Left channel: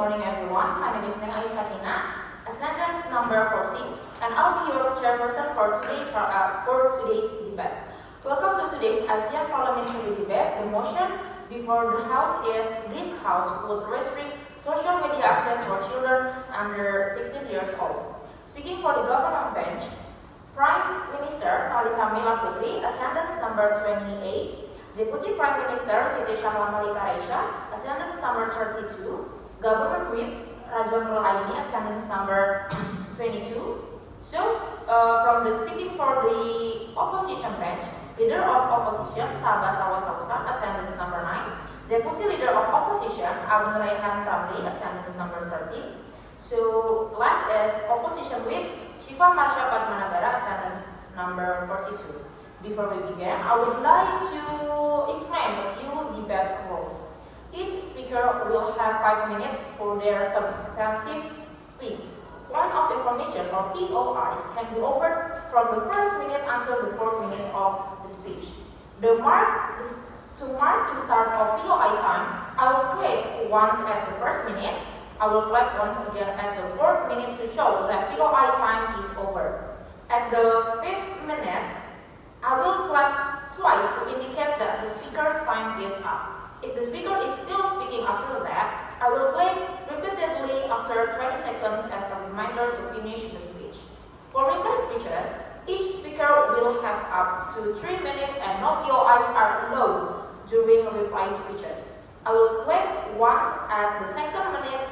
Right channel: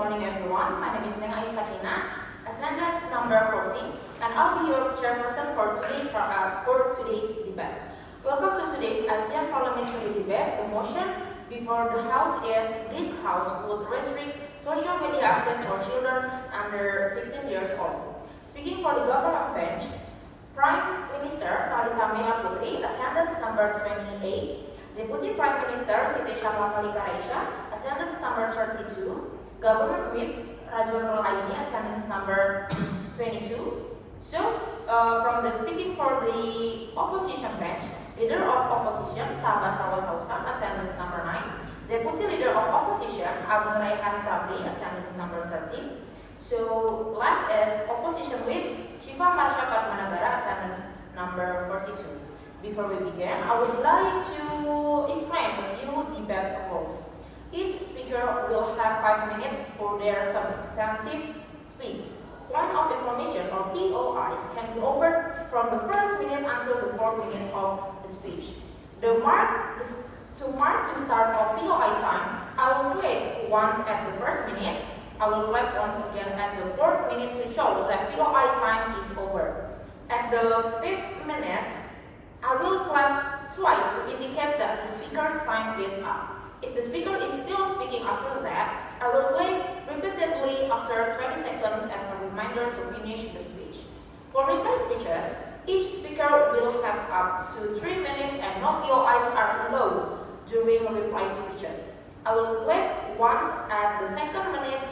morning everyone. My name is Neng Ayu Sakinah, attendance number 14, and I'll be your chairperson for today's debate. Welcome to today's ASEAN Parliamentary Debate. The motion before the House is this House would restrict social media access for children under 16 years old. Speaking for the government bench, Prime Minister Talisa Meila Putri, attendance number 28. Deputy Prime Minister Siti Syahla Malika Raysha, attendance number 32. Government Whip Rajwa Nurul Aini, attendance number 22. So, from the speaking for the opposition bench, Leader of Opposition Saba Salwassausan, attendance number 9. Deputy Leader of Opposition Raihan, attendance number 30. So, last is Opposition Whip Syifa Fadmanagara, attendance number 42. Before we begin, I would like to explain a few debate rules. Each speaker will have 5 minutes for their substantive speech. Point of information or POIs can be offered from the first minute until the 4th minute of the speech. To mark the start of POI time, I will clap once at the first minute. I will clap once again at the 4th minute to show that POI time is over. At the 5th minute, I will clap twice to indicate that the speaker's time is up. If the speaker is still speaking after that, I will clap repeatedly after 20 seconds as a reminder to finish the speech. For reply speeches, each speaker will have up to 3 minutes and no POIs are allowed during reply speeches. I will clap once at the 2nd minute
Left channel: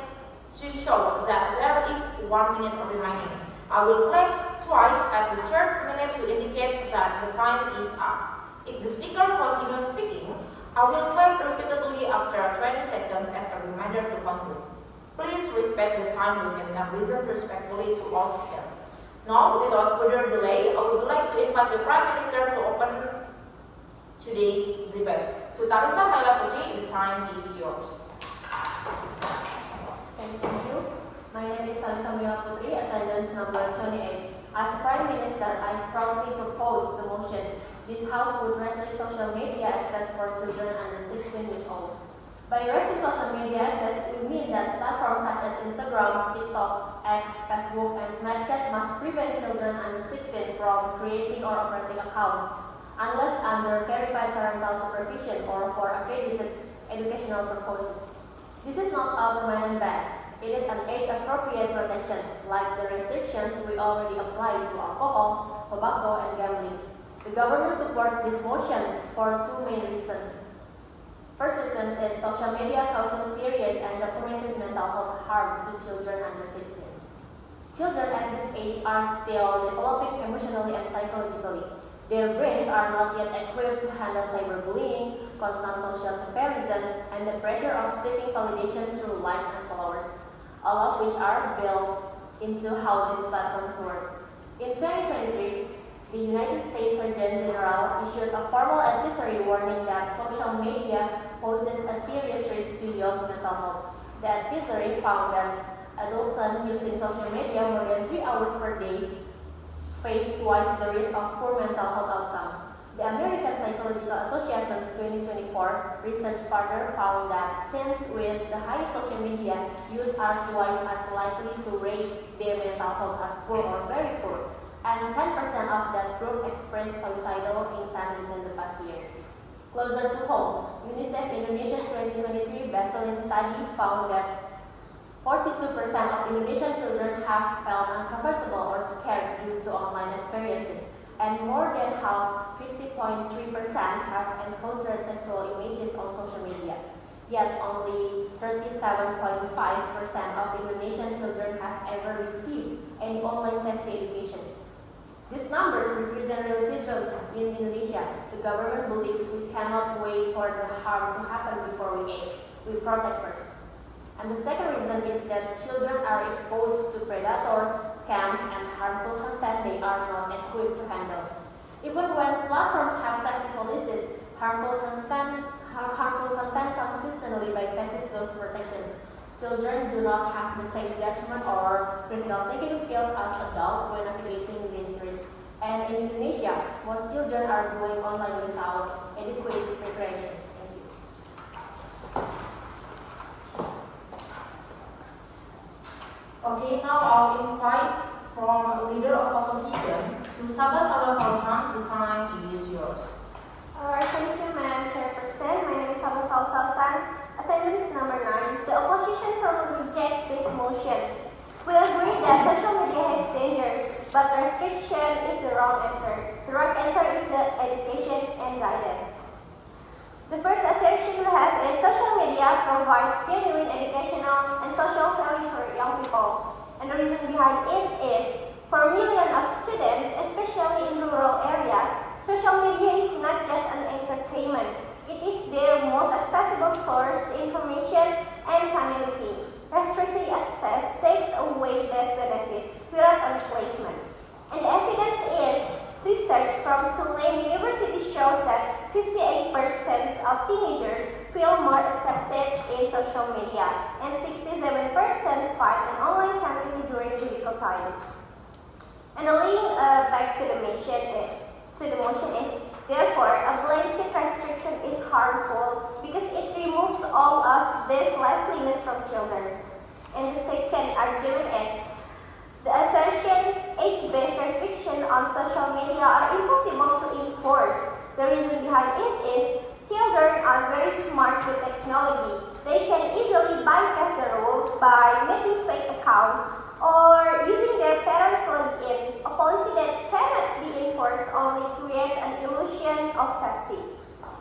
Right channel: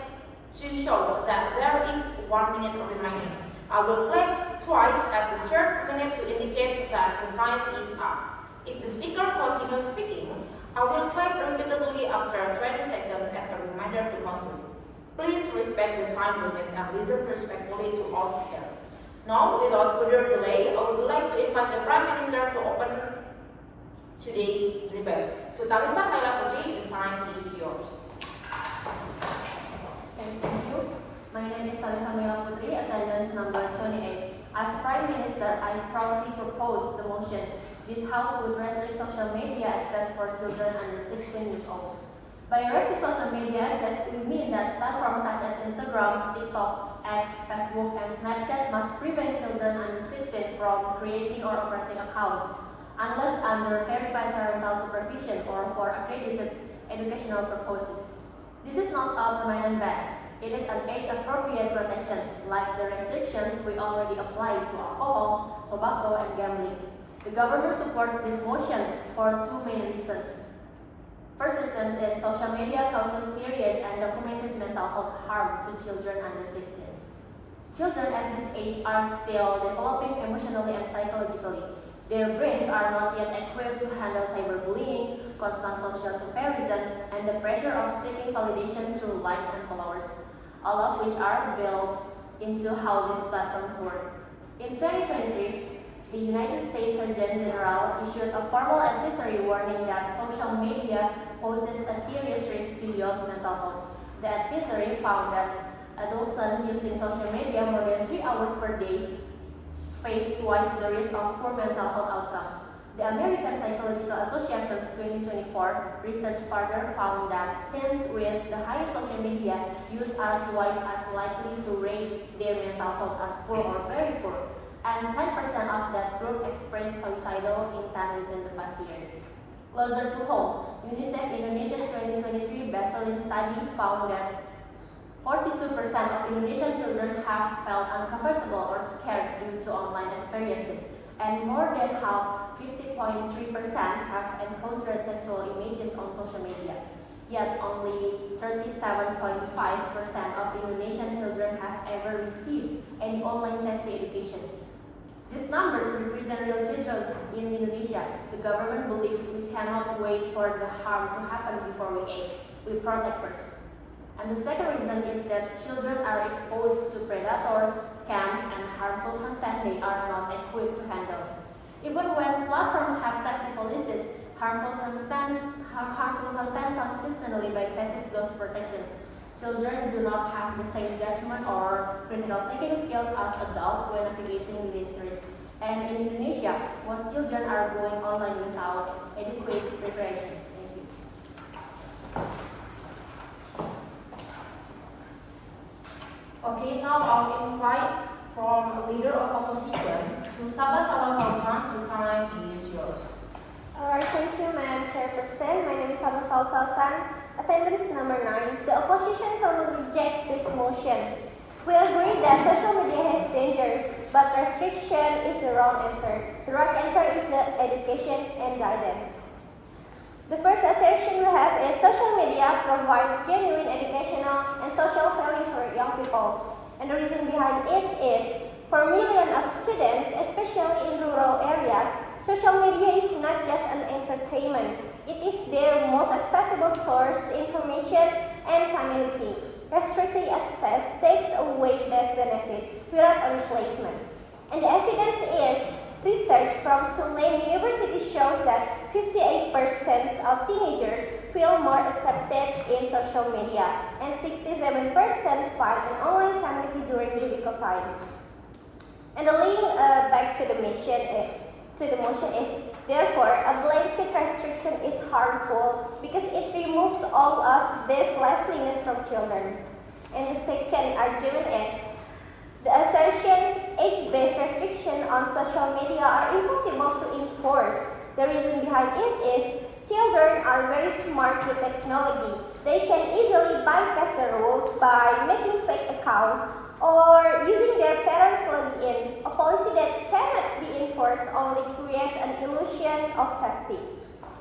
to show that there is 1 minute remaining. I will clap twice at the 3rd minute to indicate that the time is up. If the speaker continues speaking, I will clap repeatedly after 20 seconds as a reminder to conclude. Please respect the time limits and listen respectfully to all speakers. Now, without further delay, I would like to invite the Prime Minister to open today's debate. To Talisa Putri, the time is yours. Thank you. My name is Talisa Putri, attendance number 28. As Prime Minister, I proudly propose the motion. This House would restrict social media access for children under 16 years old. By restricting social media access, we mean that platforms such as Instagram, TikTok, X, Facebook, and Snapchat must prevent children under 16 from creating or operating accounts, unless under verified parental supervision or for accredited educational purposes. This is not a permanent ban. It is an age-appropriate protection, like the restrictions we already apply to alcohol, tobacco, and gambling. The government supports this motion for 2 main reasons. First reason is social media causes serious and documented mental health harm to children under 16. Children at this age are still developing emotionally and psychologically. Their brains are not yet equipped to handle cyberbullying, constant social comparison, and the pressure of seeking validation through likes and followers, all of which are built into how these platforms work. In 2023, the United States Surgeon General issued a formal advisory warning that social media poses a serious risk to youth mental health. The advisory found that adults using social media more than 3 hours per day face twice the risk of poor mental health outcomes. The American Psychological Association's 2024 research further found that teens with the highest social media use are twice as likely to rate their mental health as poor or very poor, and 10% of that group expressed suicidal intent within the past year. Closer to home, UNICEF Indonesia's 2023 baseline study found that 42% of Indonesian children have felt uncomfortable or scared due to online experiences, and more than half, 50.3%, have encountered sexual images on social media. Yet only 37.5% of Indonesian children have ever received any online safety education. These numbers represent real children in Indonesia. The government believes we cannot wait for the harm to happen before we act. We protect first. And the second reason is that children are exposed to predators, scams, and harmful content they are not equipped to handle. Even when platforms have safety policies, harmful content comes consistently bypasses those protections. Children do not have the same judgment or critical thinking skills as adults when navigating these risks. And in Indonesia, most children are going online without adequate preparation. Thank you. Okay, now I'll invite from a leader of opposition to Saba Salwassausan. The time is yours. Alright, thank you, Madam Chairperson. My name is Saba Salwassausan. Attendance number 9. The opposition will reject this motion. We agree that social media has dangers, but restriction is the wrong answer. The right answer is the education and guidance. The first assertion we have is social media provides genuine educational and social value for young people. And the reason behind it is, for millions of students, especially in rural areas, social media is not just an entertainment. It is their most accessible source of information and community. Restricting access takes away these benefits without a replacement. And the evidence is, research from Tulane University shows that 58% of teenagers feel more accepted in social media, and 67% find an online community during difficult times. And the link back to the motion is, therefore, a blanket restriction is harmful because it removes all of this liveliness from children. And the second argument is, the assertion age-based restriction on social media are impossible to enforce. The reason behind it is children are very smart with technology. They can easily bypass the rules by making fake accounts or using their parents' login. A policy that cannot be enforced only creates an illusion of safety.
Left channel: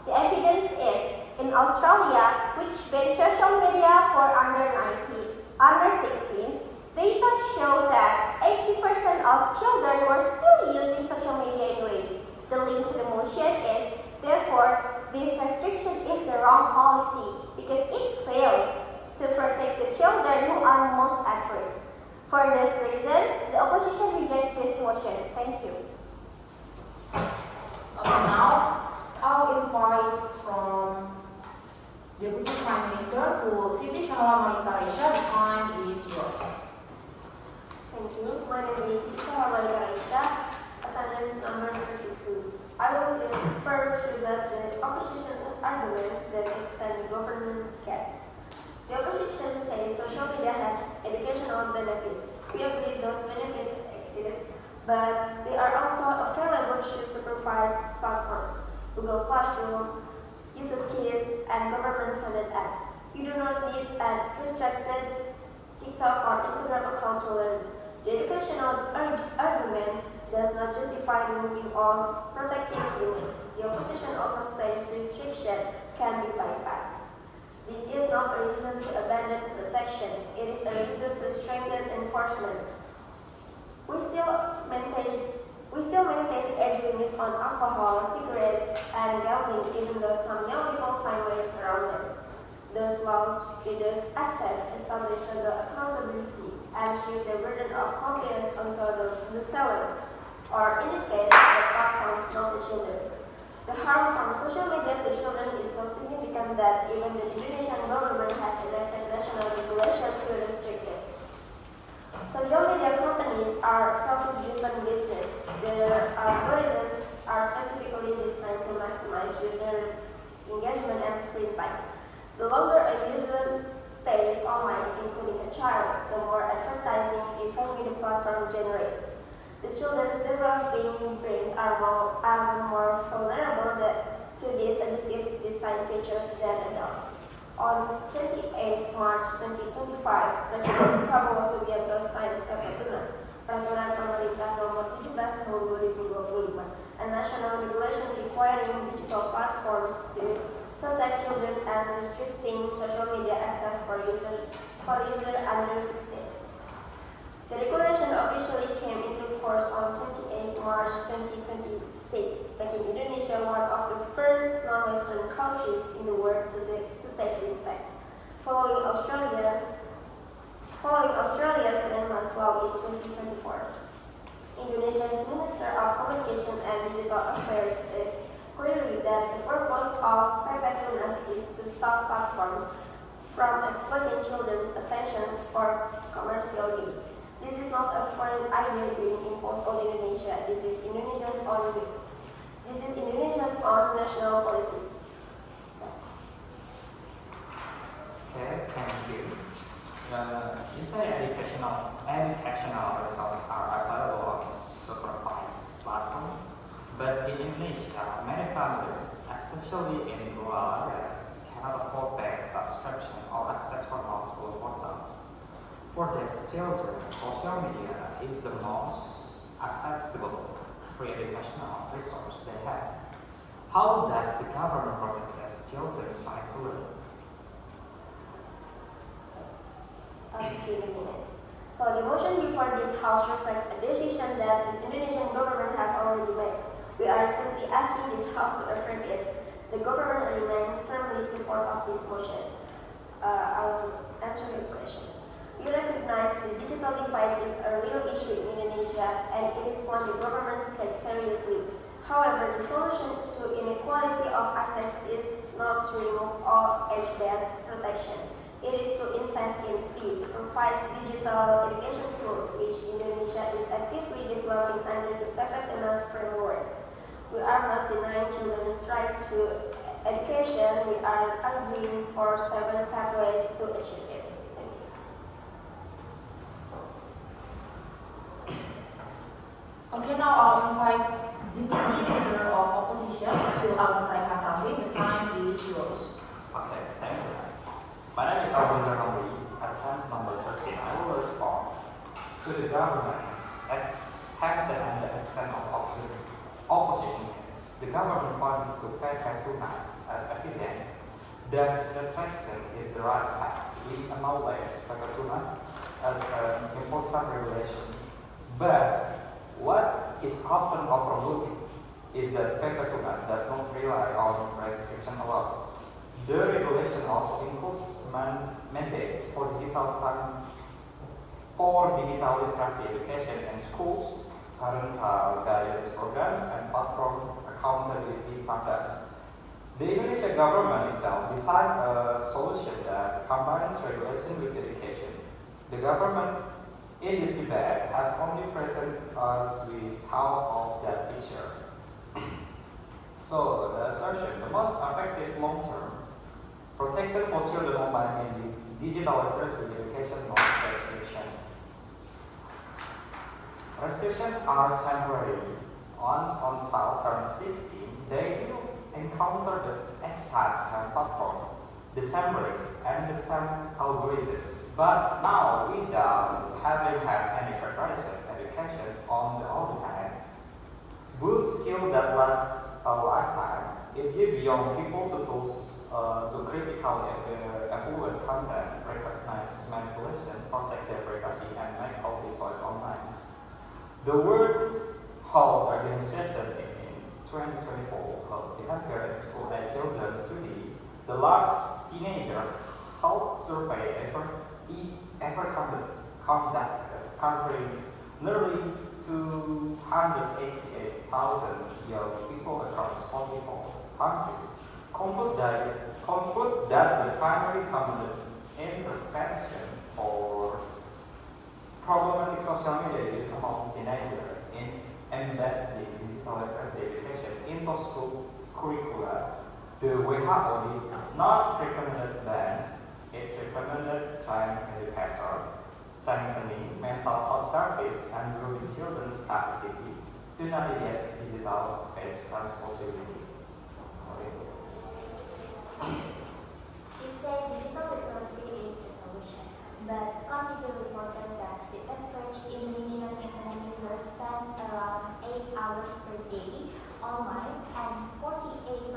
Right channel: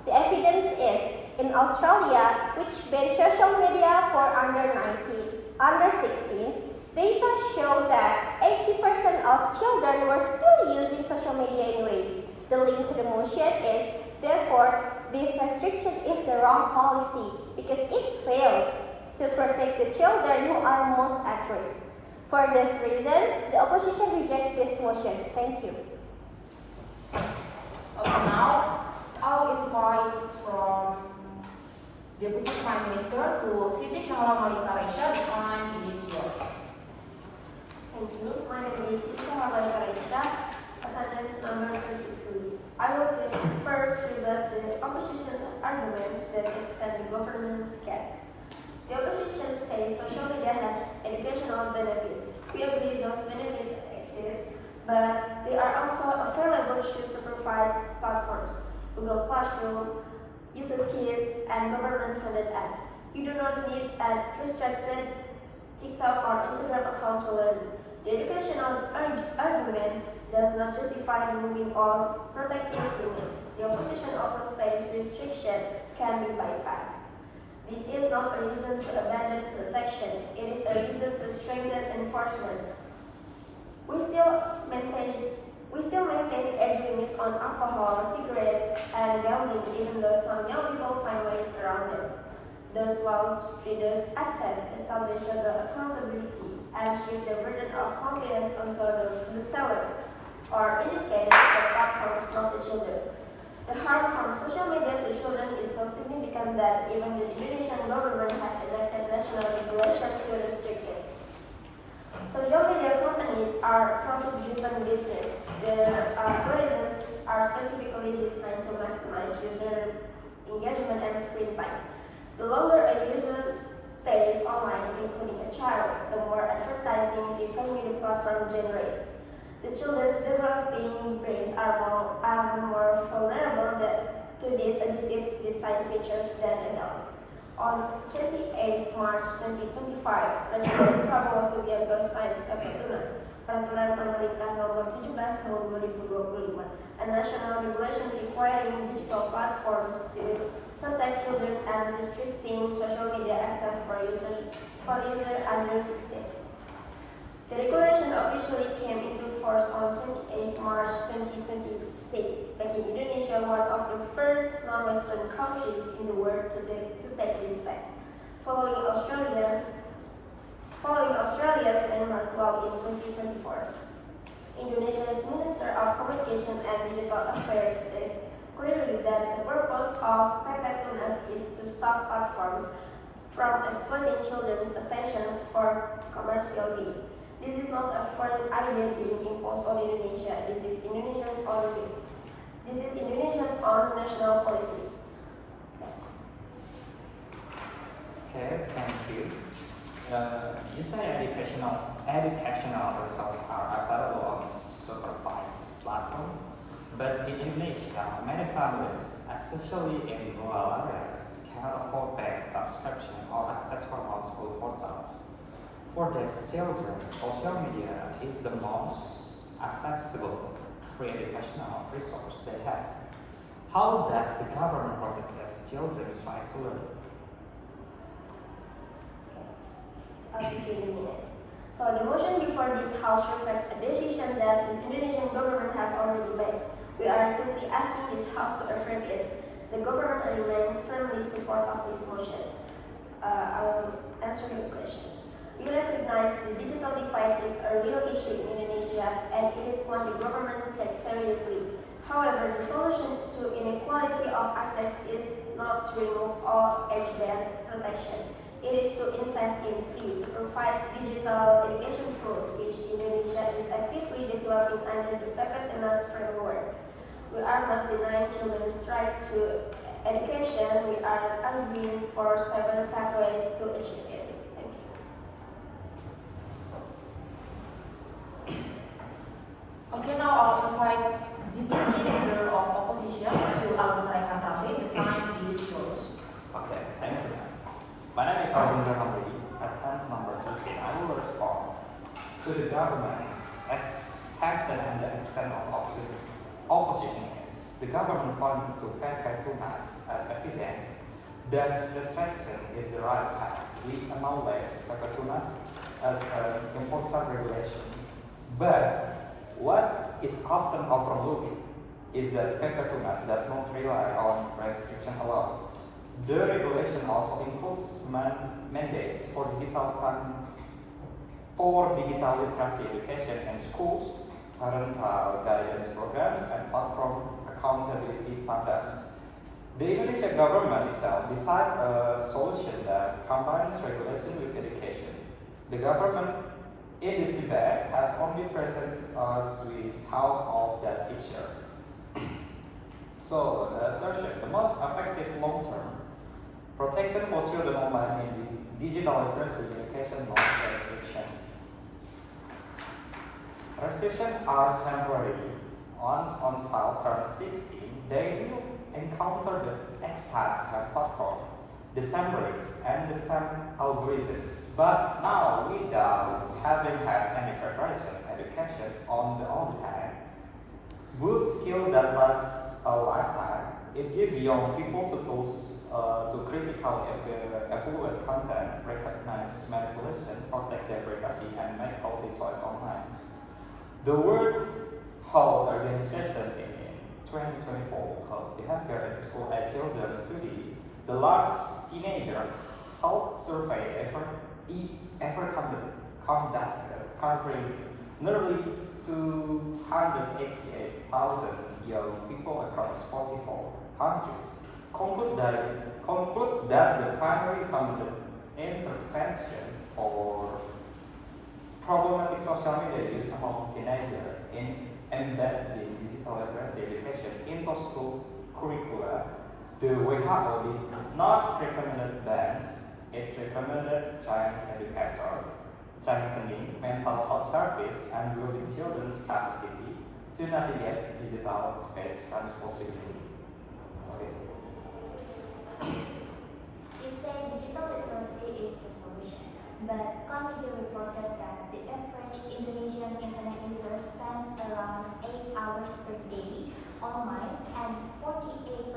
The evidence is, in Australia, which bans social media for under 16s, data show that 80% of children were still using social media anyway. The link to the motion is, therefore, this restriction is the wrong policy because it fails to protect the children who are most at risk. For these reasons, the opposition rejects this motion. Thank you. Okay, now I'll invite from Deputy Prime Minister to Siti, Syahla, Malika, Raysha. The time is yours. Thank you. My name is Siti, Malika, Raysha. Attendance number 22. I will first rebut the opposition arguments that extend the government's case. The opposition says social media has educational benefits. We agree those benefits exist, but they are also available through supervised platforms, Google Classroom, YouTube Kids, and government-funded apps. You do not need a restricted TikTok or Instagram account to learn. The educational argument does not justify removing or protecting limits. The opposition also says restriction can be bypassed. This is not a reason to abandon protection. It is a reason to strengthen enforcement. We still maintain age limits on alcohol, cigarettes, and gambling, even though some young people find ways around them. Those laws reduce access, establish legal accountability, and shift the burden of compliance onto the seller, or in this case, the platforms, not the children. The harm from social media to children is so significant that even the Indonesian government has enacted national regulations to restrict it. Social media companies are profit-driven business. Their algorithms are specifically designed to maximize user engagement and screen time. The longer a user stays online, including a child, the more advertising revenue the platform generates. The children's developing brains are more vulnerable to these addictive design features than adults. On 28 March 2025, Presiden Prabowo Subianto signed PP Tunas, Peraturan Pemerintah Nomor 17 Tahun 2025, a national regulation requiring digital platforms to protect children and restricting social media access for users under 16. The regulation officially came into force on 28 March 2026, making Indonesia one of the first non-Western countries in the world to take this step. Following Australia's landmark law in 2024. Indonesia's Minister of Communication and Digital Affairs stated clearly that the purpose of PP Tunas is to stop platforms from exploiting children's attention for commercial gain. This is not a foreign idea being imposed on Indonesia. This is Indonesia's own national policy. Yes. Okay, thank you. Usually educational resources are available on supervised platform, but in Indonesia, many families, especially in rural areas, cannot afford bank subscription or access for household portals. For these children, social media is the most accessible free educational resource they have. How does the government protect its children's right to learn? I'll give you a minute. So the motion before this House reflects a decision that the Indonesian government has already made. We are simply asking this House to affirm it. The government remains firmly in support of this motion. I will answer your question. We recognize the digital divide is a real issue in Indonesia and it is one the government takes seriously. However, the solution to inequality of access is not to remove all age-based protection. It is to invest in free, supervised digital education tools, which Indonesia is actively developing under the PPTNAS framework. We are not denying children's right to education. We are arguing for several pathways to achieve it. Thank you. Okay, now I'll invite Deputy Leader of Opposition to Raihan Ramli. The time is yours. Okay, thank you. My name is Albin Ramli. At point number 13, I will respond to the government's expansion and the extent of opposition case. The government points to Pepatunas as evidence that the traction is the right path. We acknowledge Pepatunas as an important regulation. But what is often overlooked is that Pepatunas does not rely on restriction alone. The regulation also includes mandates for digital literacy education in schools, parental guidance programs, and platform accountability standards. The Indonesian government itself decided a solution that combines regulation with education. The government in this debate has only presented us with half of that picture. So, the assertion, the most effective long-term protection for children online in the digital literacy education, not restriction. Restrictions are temporary. Once on child turns 16, they will encounter the exact same platform, the same rates, and the same algorithms. But now, without having had any preparation education on the other hand, good skill that lasts a lifetime, it gives young people the tools to critically evaluate content, recognize manipulation, protect their privacy, and make healthy choice online. The World Health Organization in 2024 held behavior in school age children study, the largest teenager health survey ever conducted, covering nearly 288,000 young people across 44 countries. Conclude that the primary government intervention for problematic social media use among teenagers in embedding digital literacy education into school curricula, the WHO did not recommend bans. It recommended child educator, strengthening mental health service, and building children's capacity to navigate digital space responsibly. You say digital literacy is the solution, but Committee reported that the average Indonesian internet user spends around 8 hours per day online, and 48%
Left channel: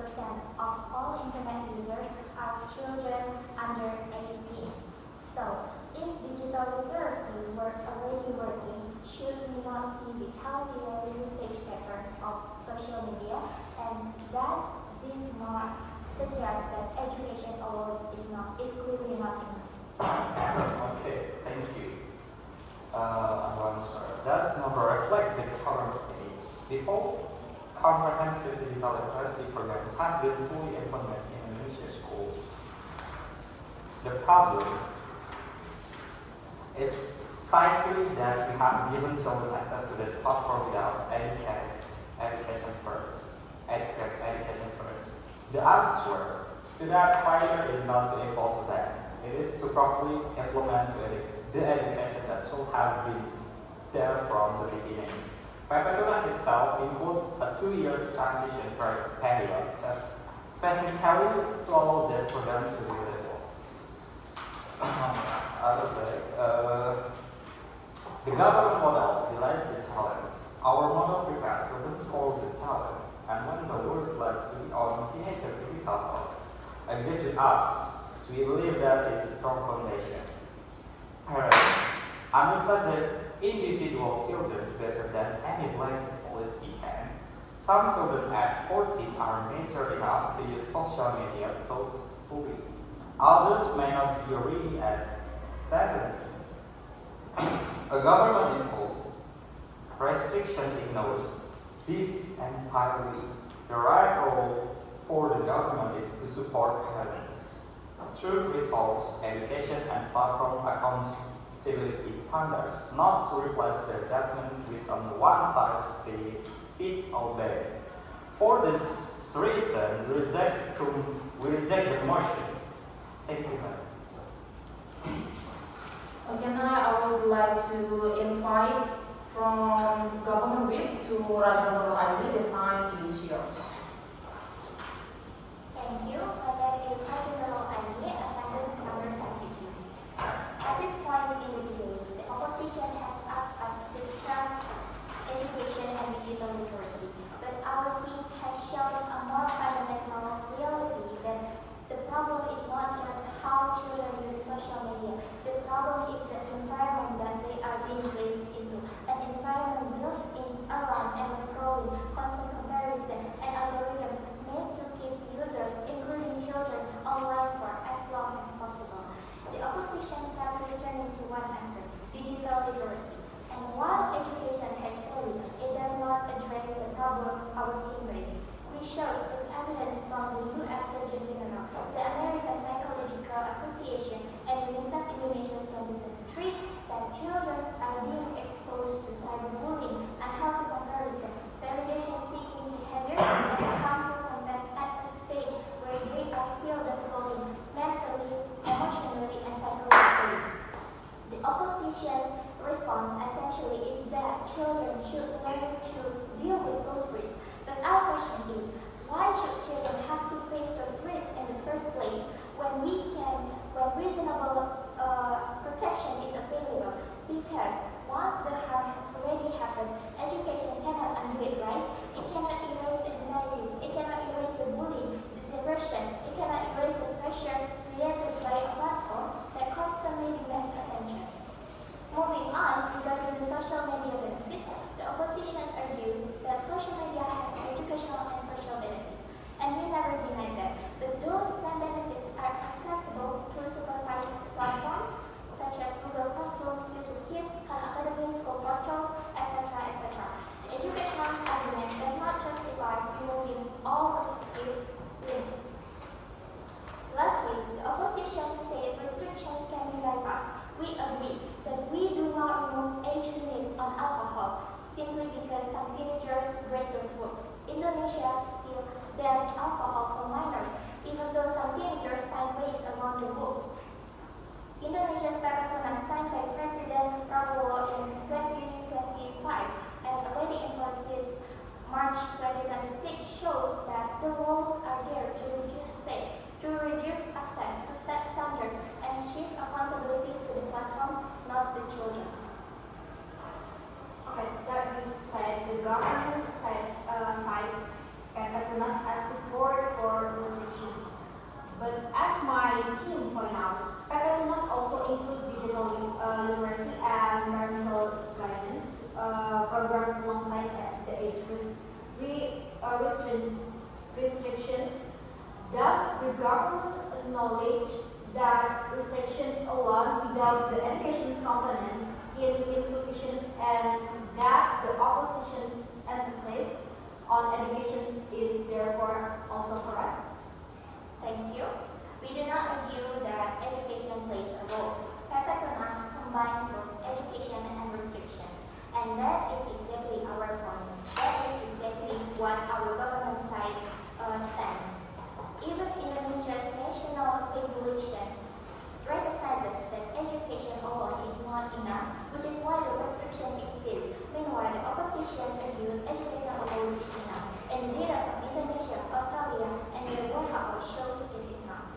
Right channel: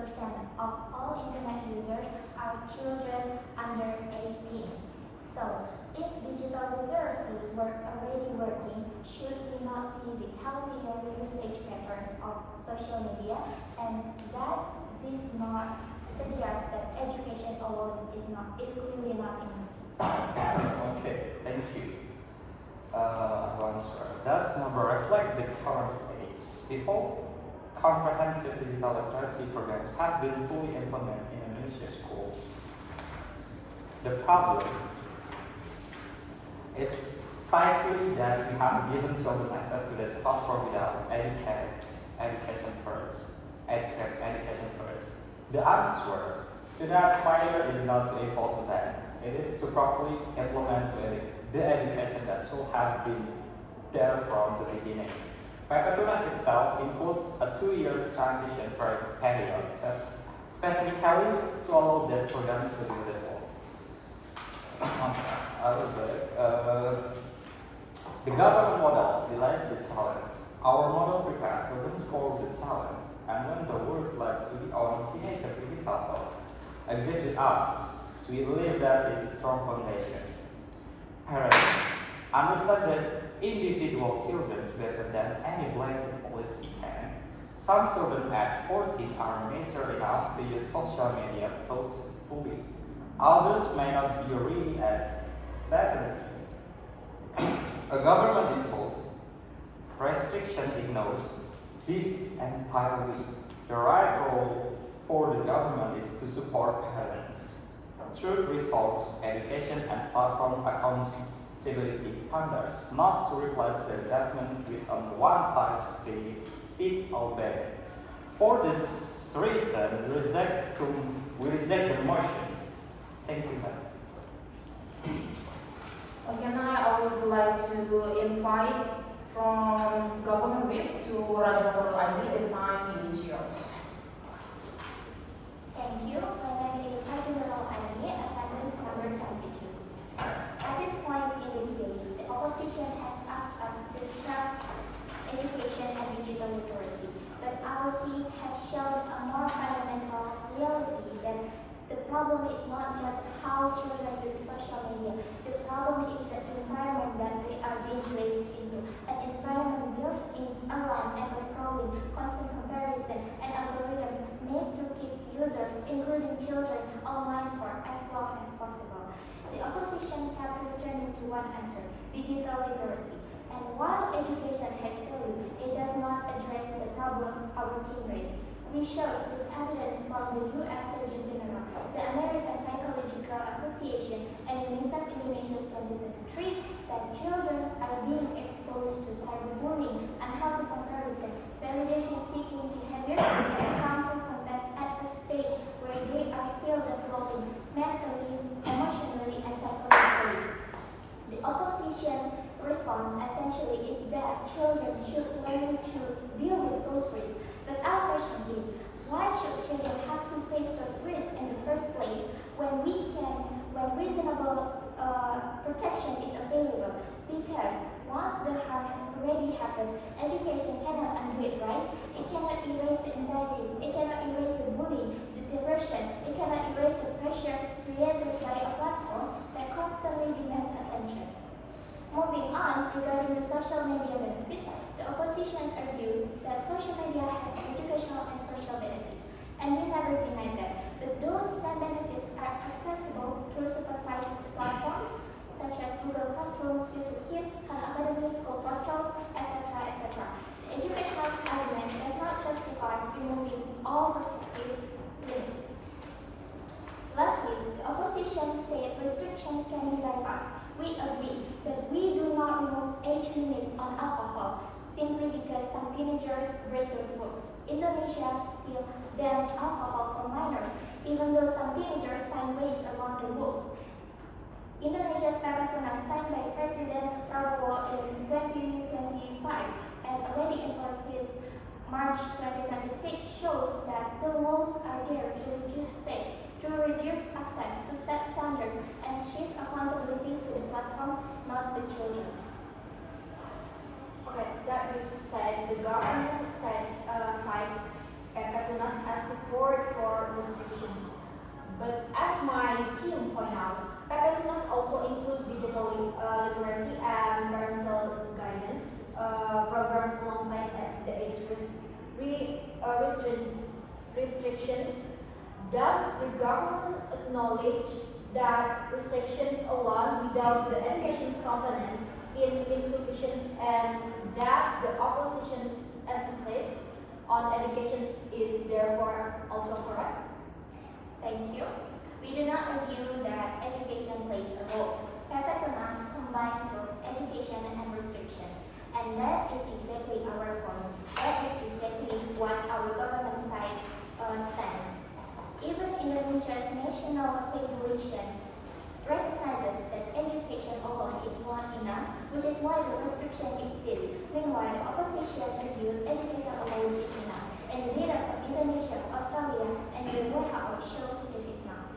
of all internet users are children under 18. So, if digital literacy were already working, should we not see the healthier usage patterns of social media? And does this more suggest that education alone is clearly not enough? Okay, thank you. Does number reflect the current states? Before comprehensive digital literacy programs have been fully implemented in Indonesia schools, the problem is precisely that we have given children access to this platform without education first. The answer to that failure is not to impose a ban, It is to properly implement the education that should have been there from the beginning. Pepetunas itself includes a 2-year transition period, specifically to allow the students to do the work. The government models delays the challenge. Our model prepares students for the challenge, and when the world leads to the own teenager critical thought, agrees with us, we believe that it's a strong foundation. Parents understand that individual children better than any blanket policy can. Some children at 14 are mature enough to use social media thoughtfully. Others may not be ready at 17. A government imposed restriction ignores this entirely. The right role for the government is to support parents through resource, education, and platform accountability standards, not to replace their judgment with a one-size-fits-all bag. For this reason, we reject the motion. Thank you. Okay, now I would like to invite from government whip to Rajwa Aini. The time is yours. Thank you. My name is Nurul, attendance number 22. At this point in the debate, the opposition has asked us to trust education and digital literacy, but our team has shown a more fundamental reality that the problem is not just how children use social media. The problem is the environment that they are being placed into. An environment built in around endless scrolling, constant comparison, and algorithms made to keep users, including children, online for as long as possible. The opposition kept returning to one answer: digital literacy. And while education has failed, it does not address the problem our team raised. We showed with evidence from the U.S. Surgeon General, the American Psychological Association, and UNICEF Indonesia's 2023 that children are being exposed to cyberbullying, unhealthy comparison, validation-seeking behavior, and harmful content at a stage where they are still developing mentally, emotionally, and psychologically. The opposition's response essentially is that children should learn to deal with those risks. But our question is, why should children have to face those risks in the first place when reasonable protection is available? Because once the harm has already happened, education cannot undo it, right? It cannot erase the anxiety, it cannot erase the bullying, the diversion, it cannot erase the pressure created by a platform that constantly demands attention. Moving on, regarding the social media benefits, the opposition argued that social media has educational and social benefits, and we never denied that. But those same benefits are accessible through supervised platforms such as Google Classroom, YouTube Kids, Khan Academy, school portals, etc., etc. The educational argument does not justify removing all protective links. Lastly, the opposition said restrictions can be bypassed. We agree, but we do not remove age limits on alcohol simply because some teenagers break those rules. Indonesia still bans alcohol for minors, even though some teenagers find ways around the rules. Indonesia's Pepetunas signed by President Rajwa in 2025 and already influences March 2026 shows that the laws are there to reduce access, to set standards, and shift accountability to the platforms, not the children. Okay, that being said, the government cites Pepetunas as support for restrictions. But as my team point out, Pepetunas also include digital literacy and parental guidance programs alongside the age restrictions. Does the government acknowledge that restrictions alone without the education's component is insufficient and that the opposition's emphasis on education is therefore also correct? Thank you. We do not argue that education plays a role. Pepetunas combines both education and restriction. And that is exactly our point. That is exactly what our government side stands. Even Indonesia's national regulation recognizes that education alone is not enough, which is why the restriction exists. Meanwhile, the opposition argued education alone is enough, and the data from Indonesia, Australia, and the WHO shows it is not.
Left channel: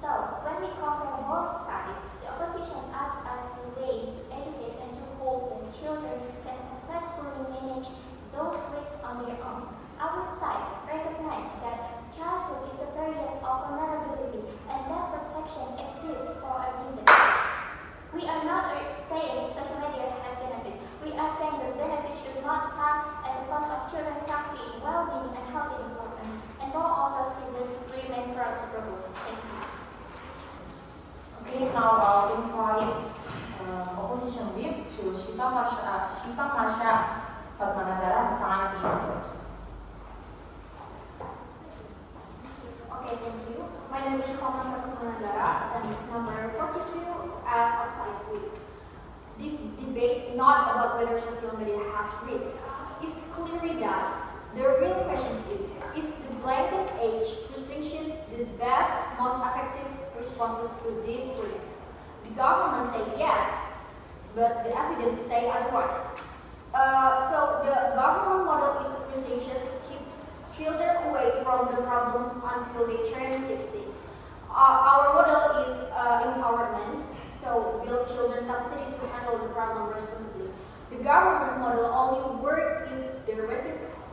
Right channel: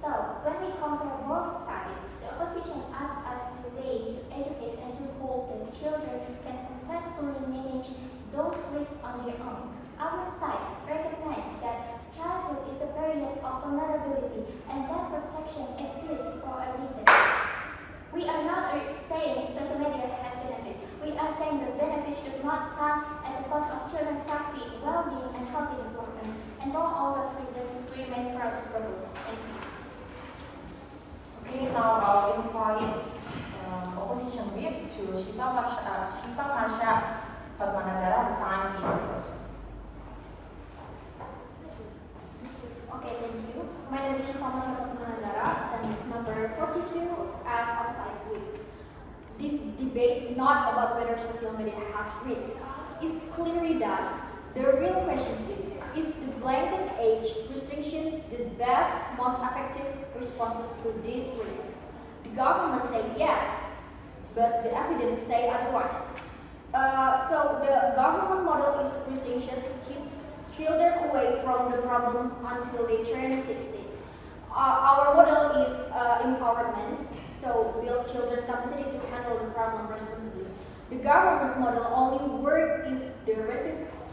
So, when we compare both societies, the opposition asks us to raise, to educate, and to hope that children can successfully manage those risks on their own. Our side recognizes that childhood is a period of vulnerability and that protection exists for a reason. We are not saying social media has benefits. We are saying those benefits should not come at the cost of children's safety, well-being, and healthy development. And for all those reasons, we remain proud to propose. Thank you. Okay, now I'll invite opposition whip to Syifa, Marsyha, Fadmanagara. The time is yours. Okay, thank you. My name is Syifa Putmanagara, and it's number 42 as outside group. This debate not about whether social media has risk. It clearly does. The real question is the blanket age restrictions the best, most effective responses to these risks? The government say yes, but the evidence say otherwise. So the government model is restrictions keeps children away from the problem until they turn 16. Our model is empowerment, so build children's capacity to handle the problem responsibly. The government's model only works if the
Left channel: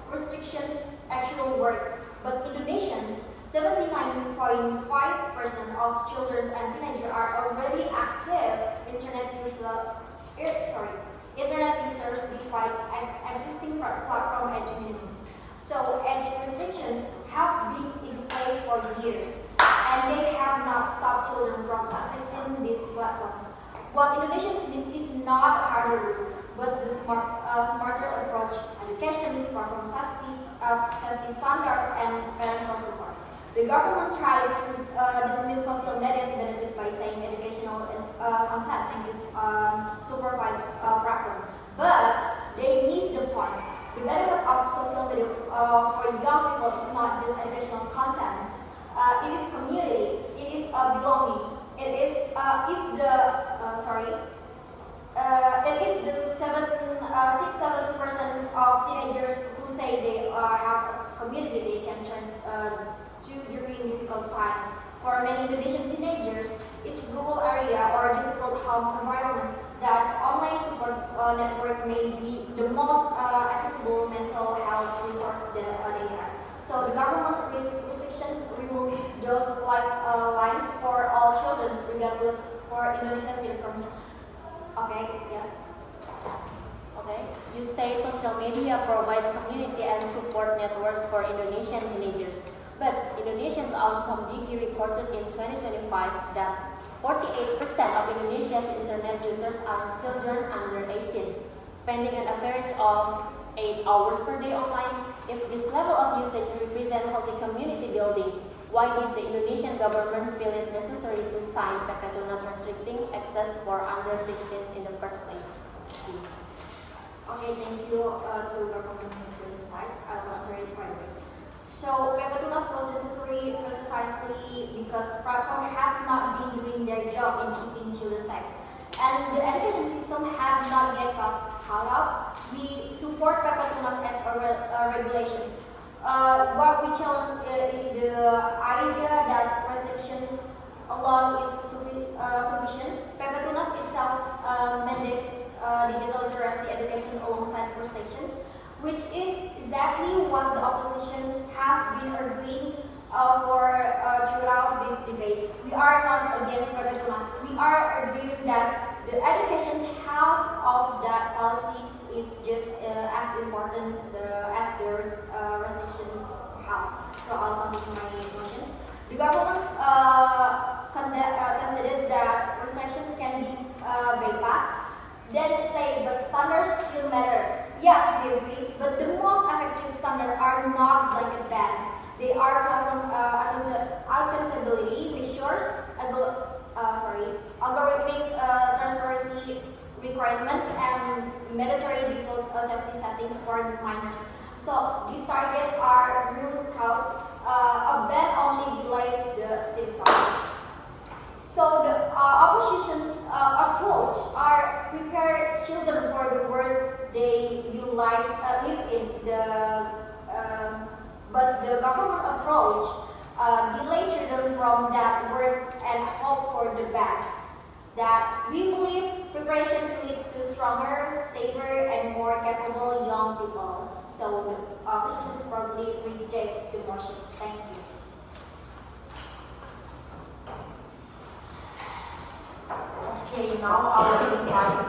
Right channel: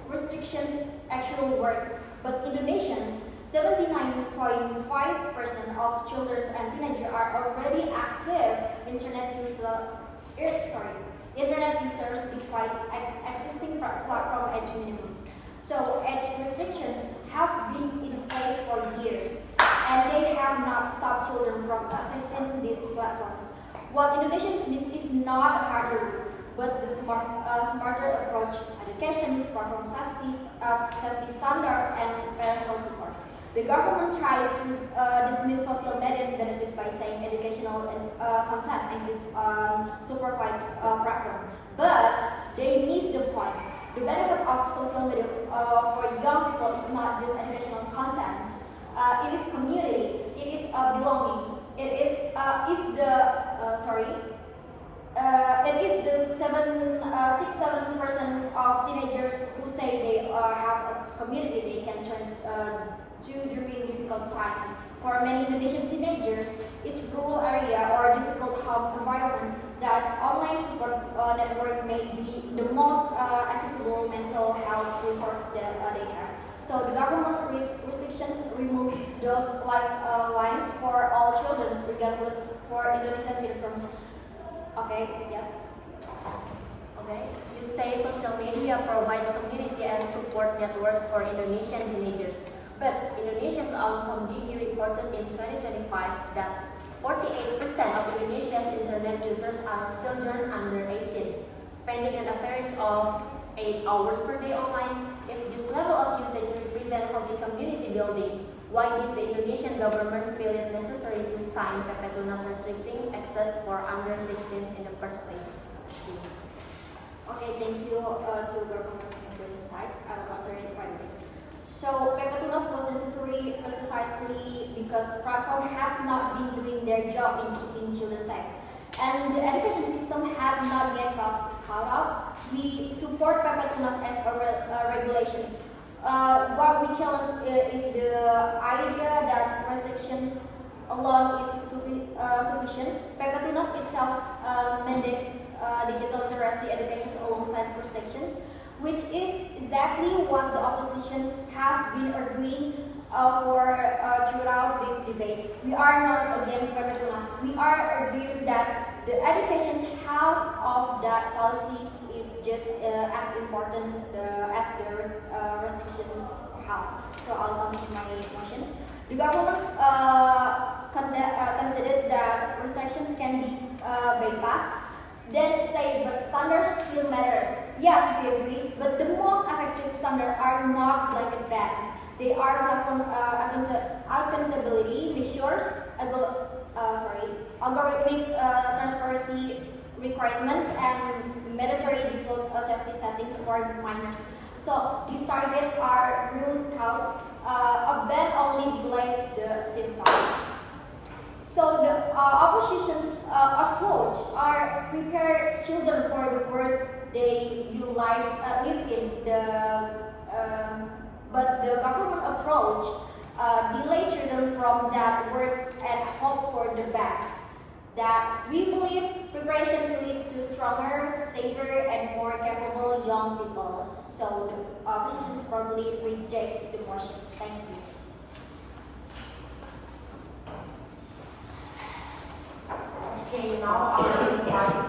restrictions actually works, but Indonesians, 79.5% of children and teenagers are already active internet users despite existing platform age minimums. So age restrictions have been in place for years, and they have not stopped children from accessing these platforms. What Indonesians need is not a harder route, but the smarter approach, education, platform safety standards, and parental support. The government tried to dismiss social media's benefit by saying educational content exists on supervised platform, but they missed the point. The benefit of social media for young people is not just educational content. It is community. It is belonging. It is the 6-7% of teenagers who say they have a community they can turn to during difficult times. For many Indonesian teenagers, it's rural area or difficult home environments that online support network may be the most accessible mental health resource that they have. So the government restrictions remove those lifelines for all children, regardless for Indonesia's incomes. Okay, yes. Okay, you say social media provides community and support networks for Indonesian teenagers. But Indonesian Outcome DG reported in 2025 that 48% of Indonesia's internet users are children under 18, spending an average of 8 hours per day online. If this level of usage represents healthy community building, why did the Indonesian government feel it necessary to sign Pepetunas restricting access for under 16s in the first place? Okay, thank you to government sides. I'll answer it right away. So Pepetunas was necessary precisely because platform has not been doing their job in keeping children safe, and the education system had not yet caught up. We support Pepetunas as regulations. What we challenge is the idea that restrictions alone is sufficient. Pepetunas itself mandates digital literacy education alongside restrictions, which is exactly what the opposition has been arguing throughout this debate. We are not against Pepetunas. We are arguing that the education half of that policy is just as important as the restrictions half. So I'll continue my motions. The government considered that restrictions can be bypassed. Then say, but standards still matter. Yes, we agree, but the most effective standards are not blanket bans. They are platform accountability measures, algorithmic transparency requirements, and mandatory default safety settings for minors. So these targets are real cause. A ban only delays the symptoms. So the opposition's approach are prepare children for the world they will live in. But the government approach delay children from that work and hope for the best. That we believe preparations lead to stronger, safer, and more capable young people. So the opposition probably reject the motions. Thank you. Okay, now I will invite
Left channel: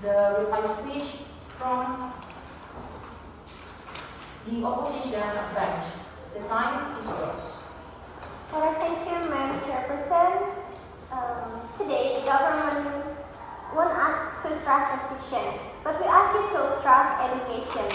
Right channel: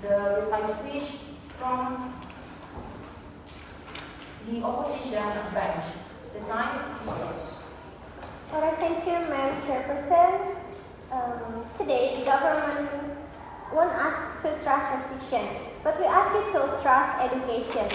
the reply speech from the opposition bench. The time is yours. Alright, thank you, Madam Chairperson. Today, the government want us to trust restriction, but we ask you to trust education.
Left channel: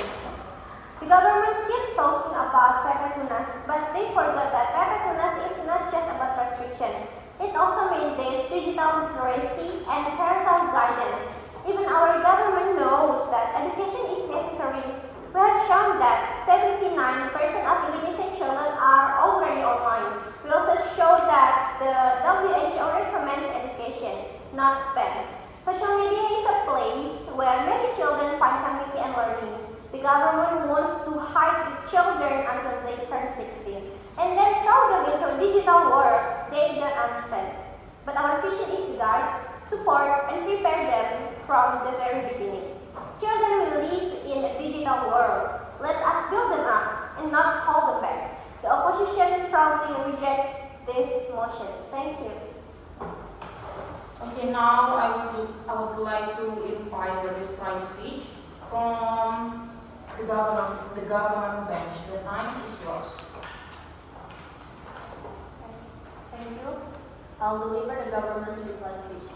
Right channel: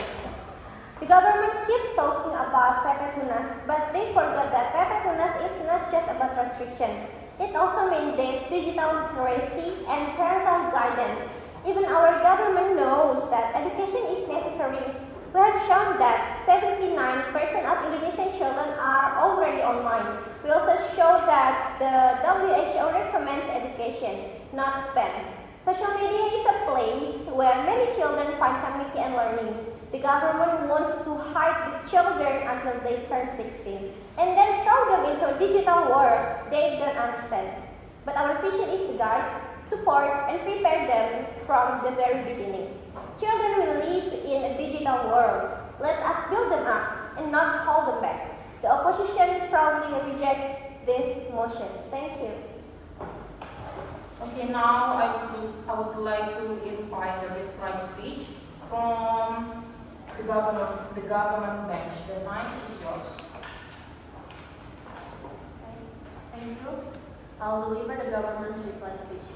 The government keeps talking about paper-to-nurse, but they forget that paper-to-nurse is not just about restriction. It also mandates digital literacy and parental guidance. Even our government knows that education is necessary. We have shown that 79% of Indonesian children are already online. We also show that the WHO recommends education, not bans. Social media is a place where many children find community and learning. The government wants to hide the children until they turn 16 and then throw them into a digital world they don't understand. But our vision is to guide, support, and prepare them from the very beginning. Children will live in a digital world. Let us build them up and not hold them back. The opposition proudly reject this motion. Thank you. Okay, now I would like to invite the reply speech from the government bench. The time is yours. Thank you. I'll deliver the government's reply speech.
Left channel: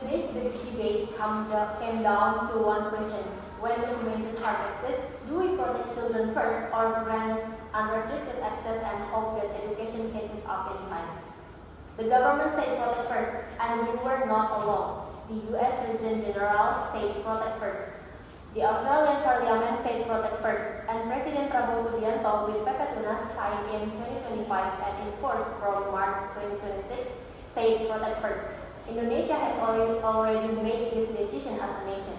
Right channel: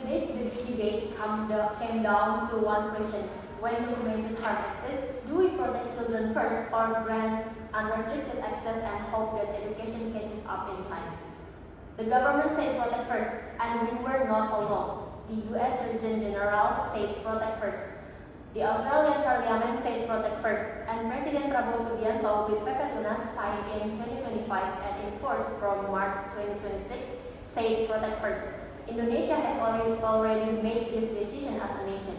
Today's debate came down to one question. When documented harm exists, do we protect children first or grant unrestricted access and hope that education catches up in time? The government said protect first, and we were not alone. The US Regent General said protect first. The Australian Parliament said protect first, and President Prabowo Subianto with Pepetunas signed in 2025 and enforced from March 2026 said protect first. Indonesia has already made this decision as a nation.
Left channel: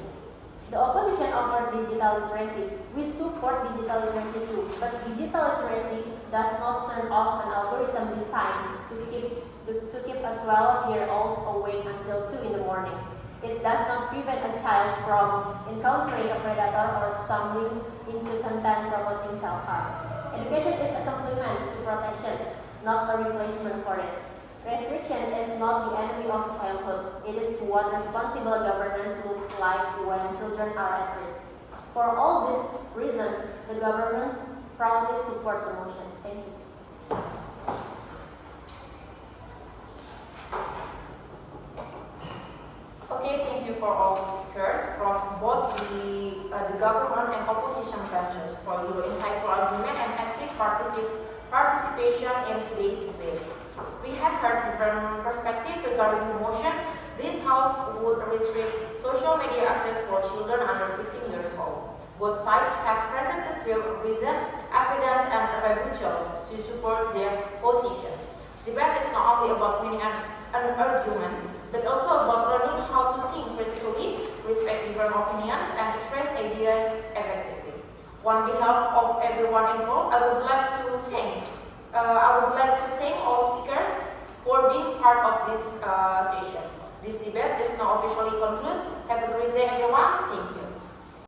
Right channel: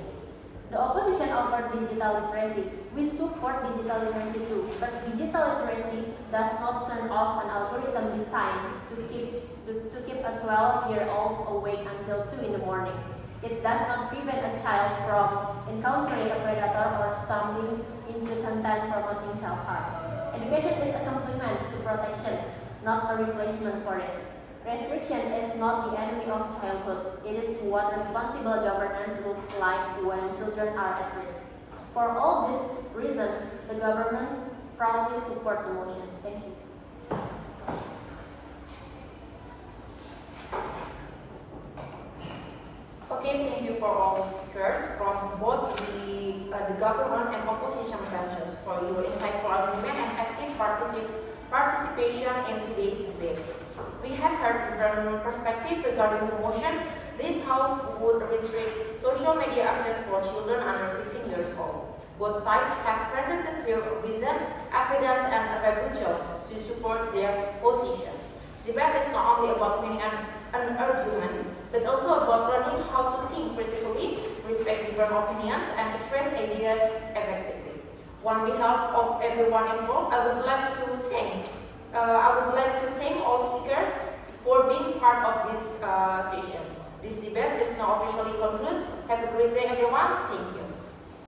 The opposition offered digital literacy. We support digital literacy too, but digital literacy does not turn off an algorithm designed to keep a 12-year-old awake until 2 in the morning. It does not prevent a child from encountering a predator or stumbling into content promoting self-harm. Education is a complement to protection, not a replacement for it. Restriction is not the enemy of childhood. It is what responsible governance looks like when children are at risk. For all these reasons, the government proudly support the motion. Thank you. Okay, thank you for all the speakers from both the government and opposition branches for your insightful argument and active participation in today's debate. We have heard different perspectives regarding the motion. This House would restrict social media access for children under 16 years old. Both sides have presented their reason, evidence, and rebuttal to support their position. Debate is not only about winning an argument, but also about learning how to think critically, respect different opinions, and express ideas effectively. On behalf of everyone involved, I would like to thank all speakers for being part of this session. This debate does not officially conclude. Have a great day, everyone. Thank you.